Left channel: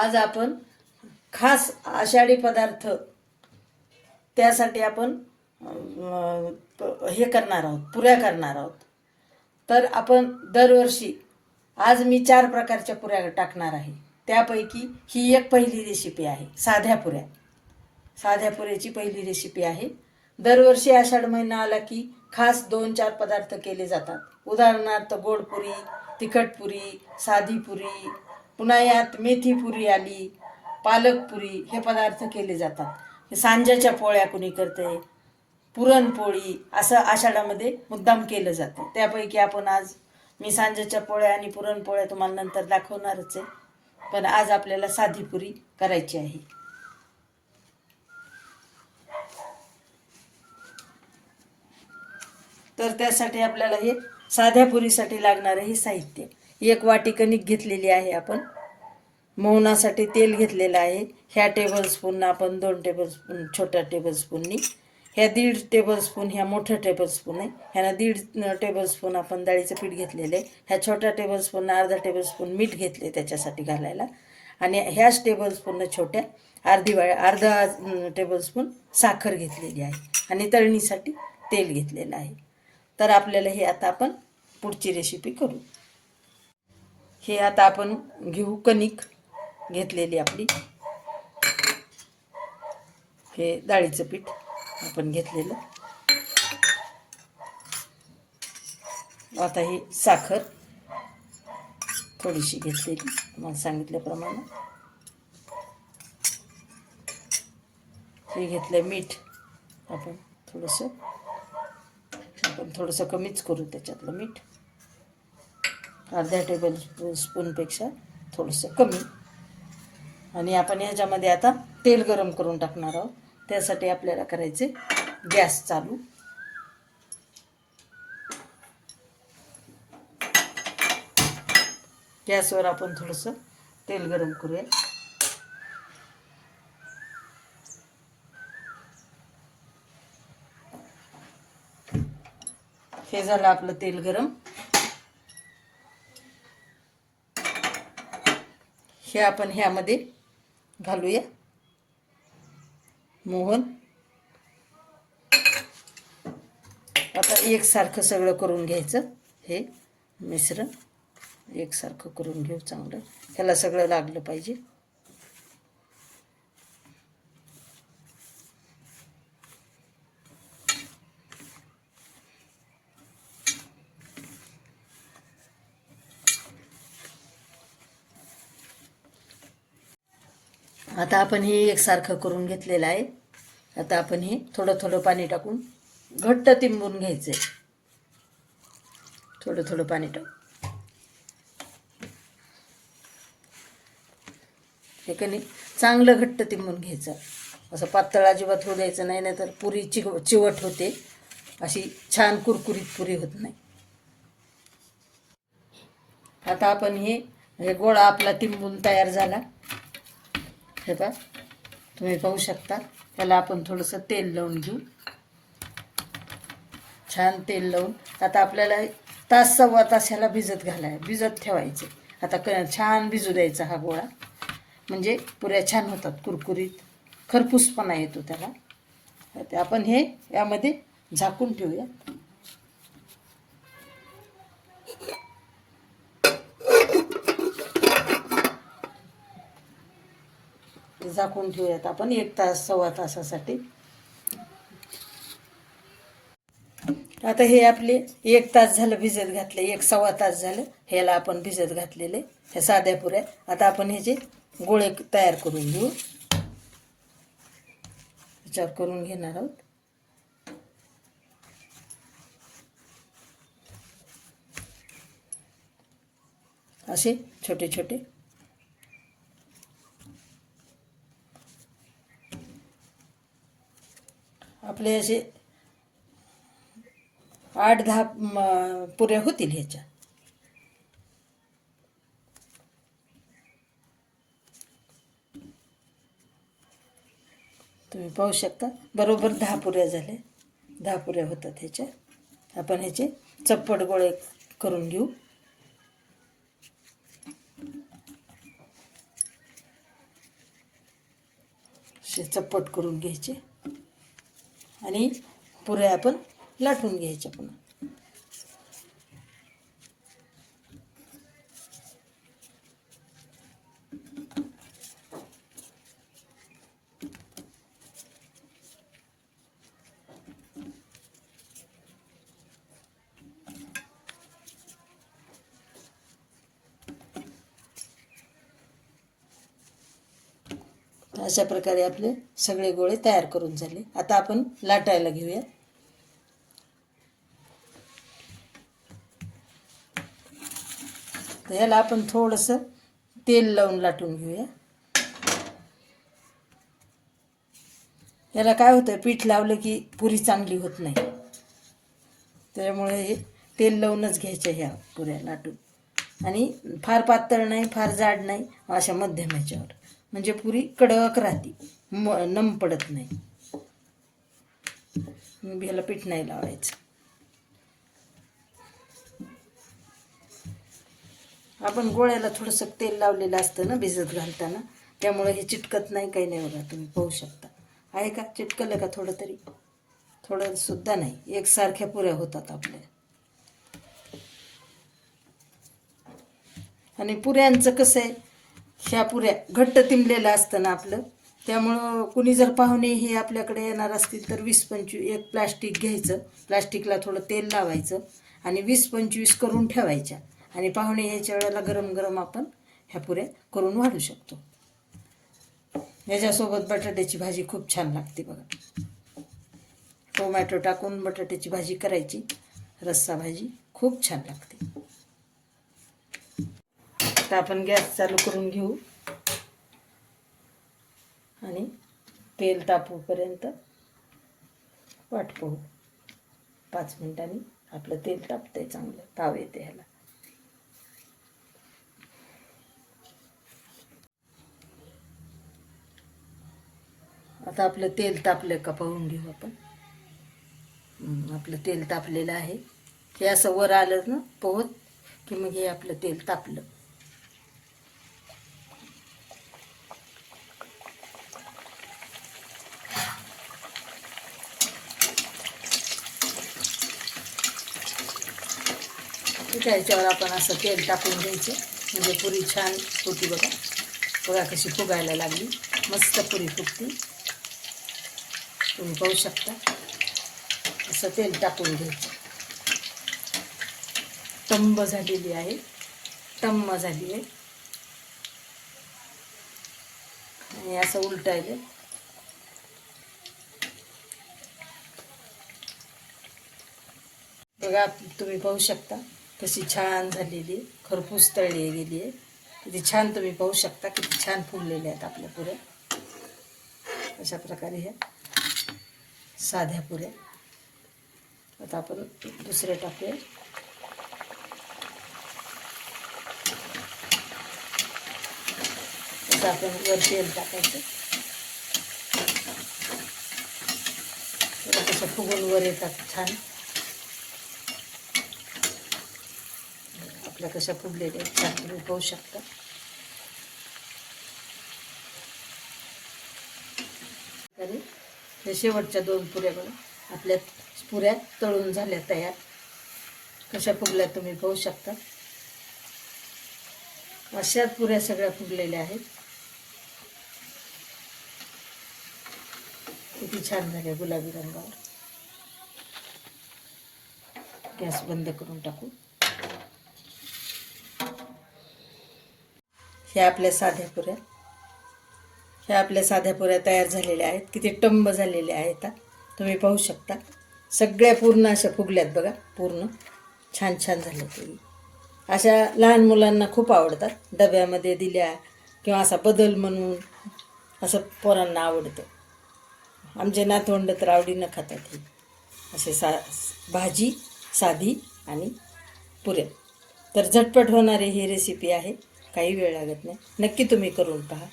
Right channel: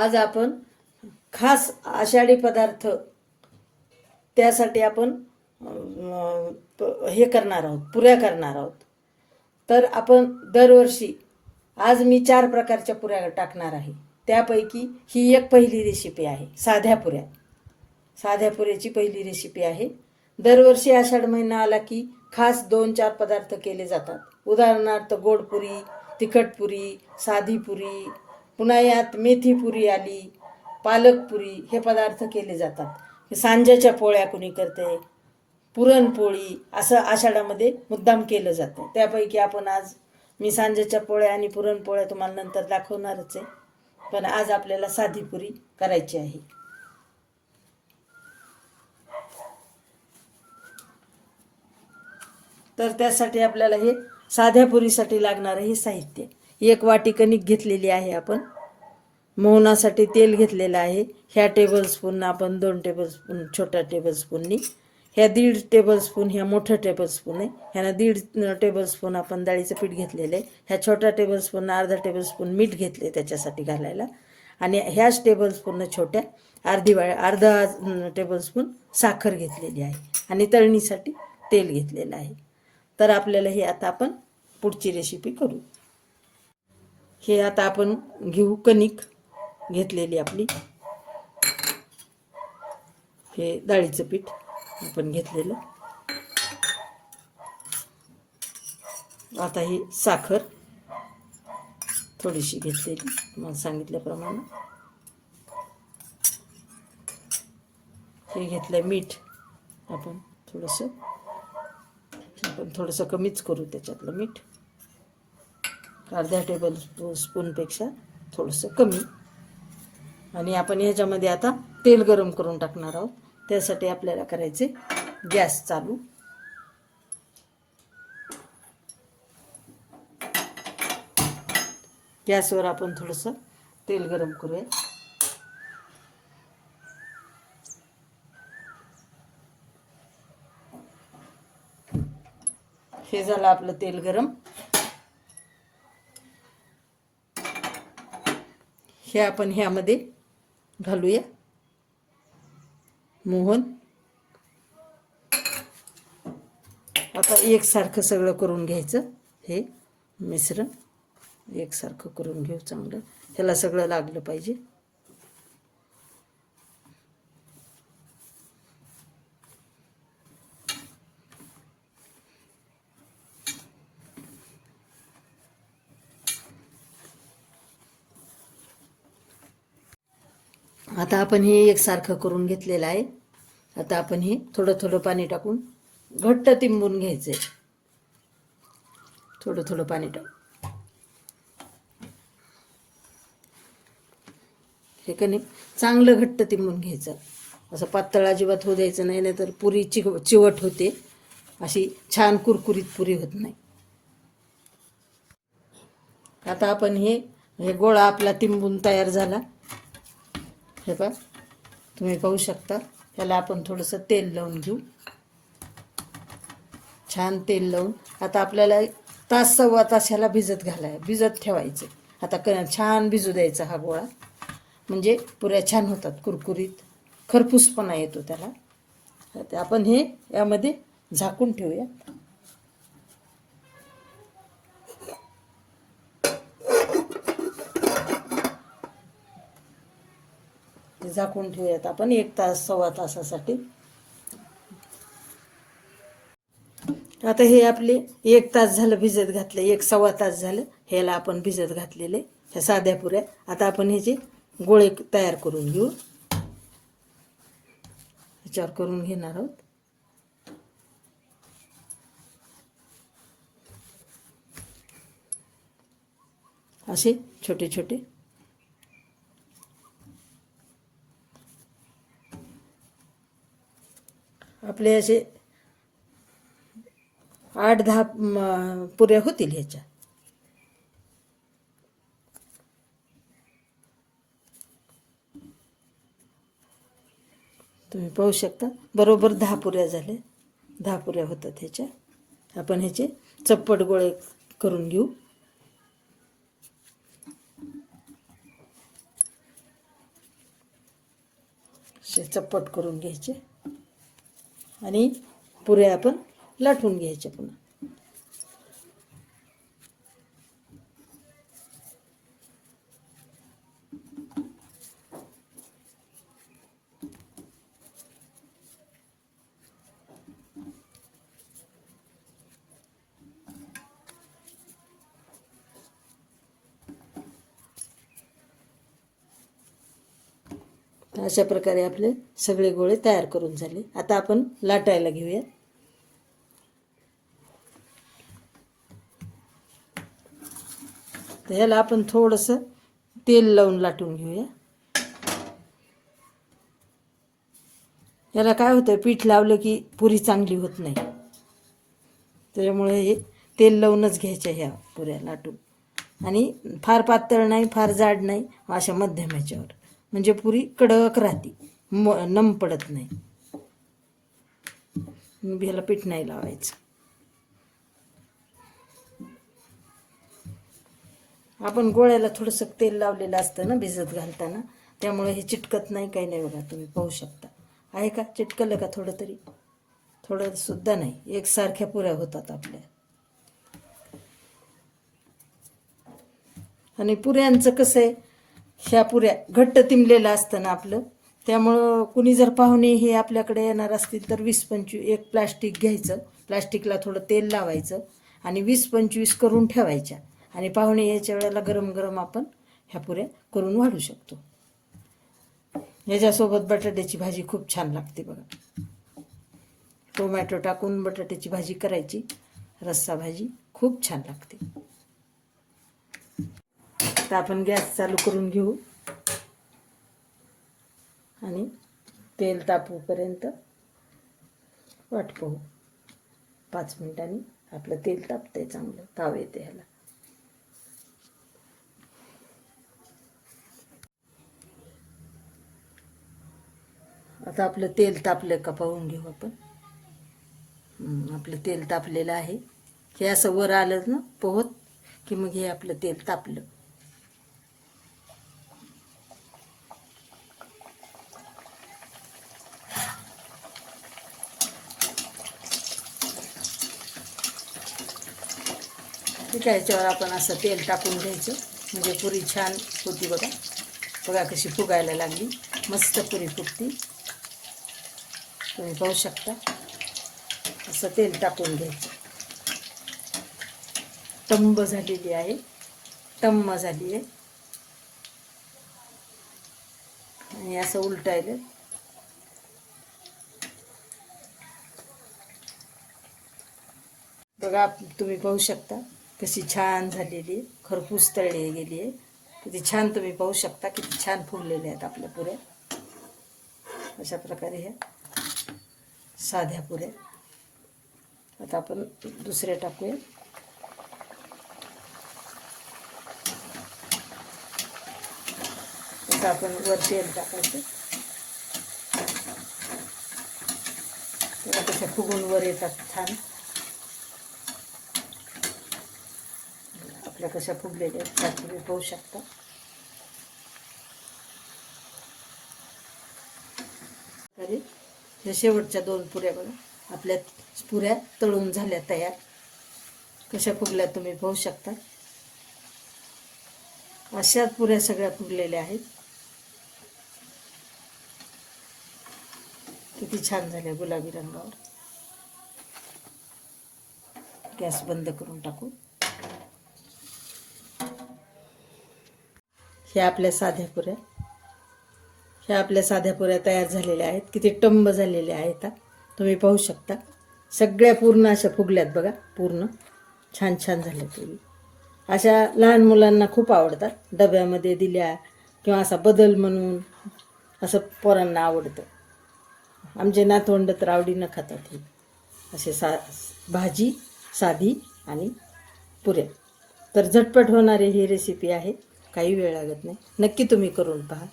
आज आपण खास आषाढी पदार्थ त्यासाठी आपण प- हे करणार आहोत पुऱ्या करणार आहोत. तर आपण दरवर्षी आज मी चार प्रकारच्या पुऱ्या टाकणार आहे. त्यापैकी ही एक पहिली रेसिपी आहे साध्या पुऱ्या. साध्या पुऱ्याची पहिली रेसिपी आहे. दरवर्षी आषाढ महिना आला की खास दोन चार पदार्थ केले जातात. उदाहरणार्थ गोडपुरी तिखटपुरी साधी पुरी पुन्हा यात आली पालकपुरी हे पदार्थ केले जातात. सांज्याच्या पोळ्या कुणी करते पुरणपोळी असं आषाढामध्ये मुद्दाम केलं जातं. त्यापैकी आपण आज मी सांज्याच्या पोळ्या आणि पुरणपोळ्या तुम्हाला नंतर दाखवणारच आहे. पण आज आपल्याला साधी पुरी करायची आहे. तर त्यासाठी आपल्याला हे साध्या पुरीसाठी लागणारं हे साहित्य. एक वाटी कणिक घेतलेली आहे आपण. मोहनासाठी तेल घेतलेलं आहे. ह्या टेबलस्पूननं आपण दोन टेबलस्पून छोट्या टेबलस्पूननी ह्या दीड टेबलस्पून ह्या मोठं टेबलस्पून आहे. ह्यानं दीड टेबलस्पून आपण डाळीचं पीठ घेतलेलं आहे. ह्या छोट्या टेबलस्पूननं अर्धा टेबलस्पून मीठ घेतले त्याच्यासाठी घालायला. आणि ह्याच टेबलस्पूननं छोट्या अर्धी वाळ अर्धा टेबलस्पून साखर घेतलेली आहे. आणि तळणीसाठी तेल घेतलेलं आहे. तर आपल्याला हे आता आपण पुढची रेसिपी करू. हे आता आपण घेऊ कणिक घेतलेली आपली. हे डाळीचं पीठ आपण घेतलेलं. आता ही साखर थोडीशी घेतलेली तुम्हाला सांगितल्याप्रमाणे. हे घेतलं मीठ आपण थोडंसं. आपण थोडंसं कमीच करू त्याच्यातलं मीठ. अर्ध्या टेबल स्पूनपेक्षा थोडंसं कमी. आणि आपण ह्याच्यामध्ये आता तेल गरम करून टाकणार आहोत. त्यासाठी आपल्याला करायचे गॅस चालू. गॅसवर आपण थोडंसं तेल गरम करूया. हे झालं आपलं तेल गरम. हे आपण ह्यामध्ये घालूया. मोहन. आता एकसारखं सगळं करून घ्यायचं. हे मिश्रण एकसारखं करून घेऊ चांगलं. ह्याला सगळं लागलं पाहिजे. आता आपण हे एकसारखं करून घेतलेलं आहे. आता आपण हे थोडं थोडं पाणी टाकून घट्ट तिंबून घ्यायचं आहे थोडं थोडं पाणी टाकू हे कणी चांगलं घट्ट तिंबून घ्यायचं. असं पातळ अजिबात होऊ द्यायचं नाही नाहीतर पुरी चिक चिवट होते. अशी छान कुरकुरीत पुरी होत नाही. आता आपण हे हे गोळा आपला तिंबून तयार झाला. हे बघ तुम्ही पाहू शकता त्याला आपण थोडंसं तेल लावून घेऊ. छान तेल लावून. आता आपल्याला तास सव्वा तास ह्याला भिजत घालाय भिजत ठेवायचे. आता क छान भिजू द्यायचा हा गोळा. म्हणजे पुऱ्या छान होतात कुरकुरीत. खरपूसपणा येतो त्याला. आपण हे यामध्ये झाकून ठेवूया. ते झाकून ठेवूयात आपण एक तास सव्वा तासासाठी. आता हे आपले एक तास झालं भिजत घातले एक सव्वा तास झालं ह्याला आपण भिजत घातलेले ह्या साध्या पुऱ्या. आता आपण ह्याचे गोळे तयार करून घेऊ. विचार करून घेणार आहोत. असे छोटे छोटे. आपले असे आठ दहा पुऱ्या होतील ह्याच्या. तुम्ही पाहू शकता. बरोबर दहा पुऱ्या झाल्या दहा पुऱ्या होतात ह्याच्या. आपण ह्याचे चप्पट गोळे करून घेऊ. असे चप्पट करून घ्यायचे. आणि पुऱ्या आपण लाटून घ्यायच्या पुन्हा. तर अशा प्रकारे आपले सगळे गोळे तयार करून झाले. आता आपण लाटायला घेऊया. तर ह्याला आपण थोडंसं तेल लावून लाटून घेऊया. याला काय होतं पीठ लावलं की पुरी चांगली होत नाही. त्यामुळे हे तेल लावूनच घ्यायच्या ह्या पुऱ्या लाटून. आणि फार पातळ नाही फार जाड नाही अशा मध्यम ह्याच्यावर. म्हणजे पुरी कडक राहते. म नम पडत नाही. मग ह्याला पीठ नाही लावायचं. आपण गोळ्याला थोडंसं तेल लावलेलं असतं ना भिजत घालताना. त्यामुळे हे चिटकत नाही काही नाही बघा तुम्ही पाहू शकता. आहे का? चिटकलं का थोडं तरी थोडं सुद्धा नाही. एकसारख्या पुऱ्या होतात आपल्या. आणि पुऱ्यांचं कसं आहे? ह्या पुऱ्या घट्ट तिंबलेलं असतं ना आपलं. त्यामुळं कुणी जर पाहुणे हे आपल्याकडे येणार असतील तर वीस पंचवीस एक प्लास्टिक घ्यायचं. प्लास्टिकला थोडं तेल लावायचं आणि वीस पंचवीस करून ठेवायच्या. आणि पाहुणे यायच्या वेळेला गरम गरम आपण ह्या पुऱ्या करून वाढू शकतो. याच्यासोबत बटाट्याची भाजी खूप छान लागते बघा. टोमॅटो टाकून बटाट्याची भाजी करायची. रस्सा भाजी खूप छान लागते. आता आपण गॅस चालू करून घेऊ. आणि तेल तापूपर्यंत वाट पाहू पाच मिनिटांनी आपलं तेल तापतंय चांगलं. ताव येते ह्याला. आता आपलं तेल तापलं का पाहून घेऊ आपण. आपलं तेल तापलेलं आहे. हे असं वर आलं ना पोहत की मग हे आपलं तेल तापलं. ठीक आहे याच्यावर आपण असं तेल टाकून घ्यायचं. म्हणजे पुरी छान होती बघा. बघा कशी फुगायला लागली. मस्त पुरी फुगती. तुम्ही पाहू शकता. असं तेल टाकून घ्यायचं. तंब झालेली आहे. तंब झाली आहे आणि असं उलटायलं. बघा तुम्ही पाहू शकता. कशी छान खरपूस तळली गेली आहे. छान तुम्ही पाहू शकता, किती छान आहेत आपल्या पुऱ्या अशा प्रकारे ह्या साध्या पुऱ्या आता आपण दुसऱ्या टाकूया. आता आपण वर तेल टाकायचं. कशा फुगून वर येतात छान. आपल्या कशा फुगलेल्या आहेत त्या तुम्ही पाहू शकता. तरी शेवटच्या दोन पुऱ्या बघा. आपल्या पुऱ्या तळून झाल्या तयार. कशा फुगल्या तुम्ही पाहू शकता. अशाच पुऱ्या सगळ्या फुगलेल्या आहेत. किती छान झाल्या गुलाबी रंगावर. गॅस बंद करून टाकू. ह्या आपल्या साध्या पुऱ्या ह्या आपल्या साध्या पुऱ्या तयार झालेल्या आहेत. किती टंब झालेल्या आहेत. तुम्ही पाहू शकता. सगळ्या पूर्ण अशा फुगल्यात बघा. पूर्ण छान छान झालं तरी अशा लहान मुलांना खूप आवडतात. डब्यामध्ये दिल्या किंवा असा बदल म्हणून असं पोरांना आवडतं. आमचे नातवंड तर आवडीनं खातात हे. असे सा भाजी साधी आणि पुऱ्या. तर झटपट होणारी ही रेसिपी आहे. काही वेळ लागत नाही. नक्की तुम्ही करून पहा.